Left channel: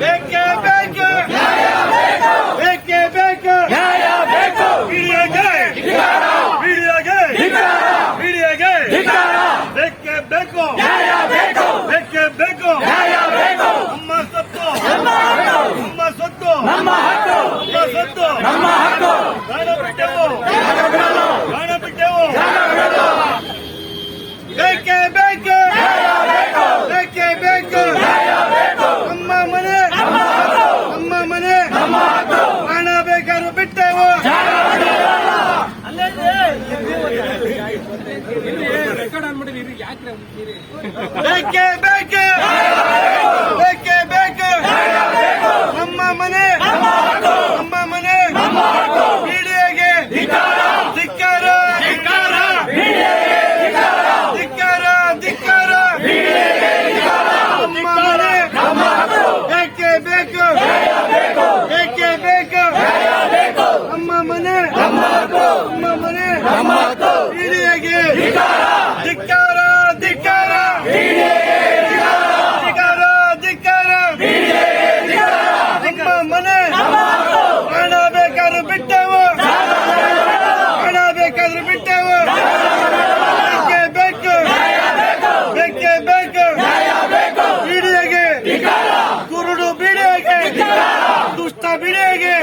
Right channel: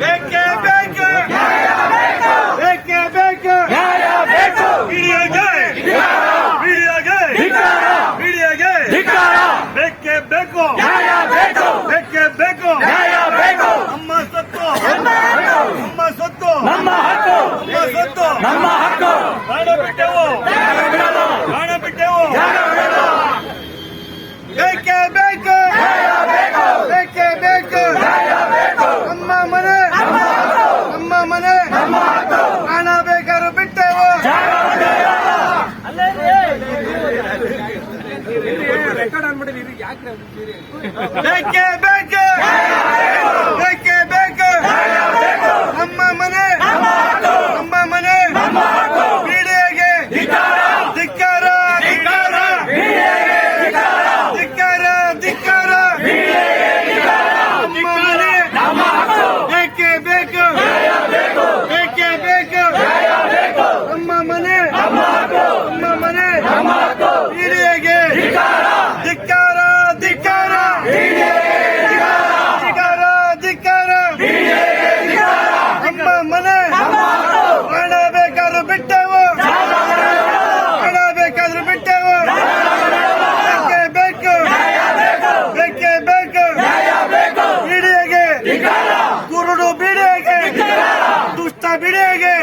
ಬೇಕೇ ಬೇಕು ಬೇಕೇ ಬೇಕು ಮೀಡಿಯಾಗೆ ಬೇಕೇ ಬೇಕು ಬೇಕೇ ಬೇಕು ನಮ್ಮ ಸೊತ್ತು ನಮ್ಮ ಸೊತ್ತು ನಮ್ಮ ಸೊತ್ತು ಪ್ರಾಣ ಬಿಟ್ಟೆವು ಬೇಕೇ ಬೇಕು ಬೇಕೇ ಬೇಕು ನಮ್ಮ ಮನೆ ಹಣ ಬೇಕಾದ್ರೂ ಬಿಟ್ಟೆವು ಬೇಕೇ ಬೇಕು ಬೇಕೇ ಬೇಕು ನಮ್ಮ ಮನೆ ಮೀಡಿಯಾಗೆ ಧಿಕ್ಕಾರ ನಮ್ಮ ಮನೆ ಬೇಕೇ ಬೇಕು ಬೇಕೇ ಬೇಕು ನಮ್ಮ ಮನೆ ಮೀಡಿಯಾಗೆ ಧಿಕ್ಕಾರ ನಮ್ಮ ಮನೆ ಹಣ ಬೇಕಾದ್ರೂ ಬಿಟ್ಟೆವು ಬೇಕೇ ಬೇಕು ಮೀಡಿಯಾಗೆ ಕುರುಡು ಮೀಡಿಯಾಗೆ ದುಷ್ಟ ಮೀಡಿಯಾಗೆ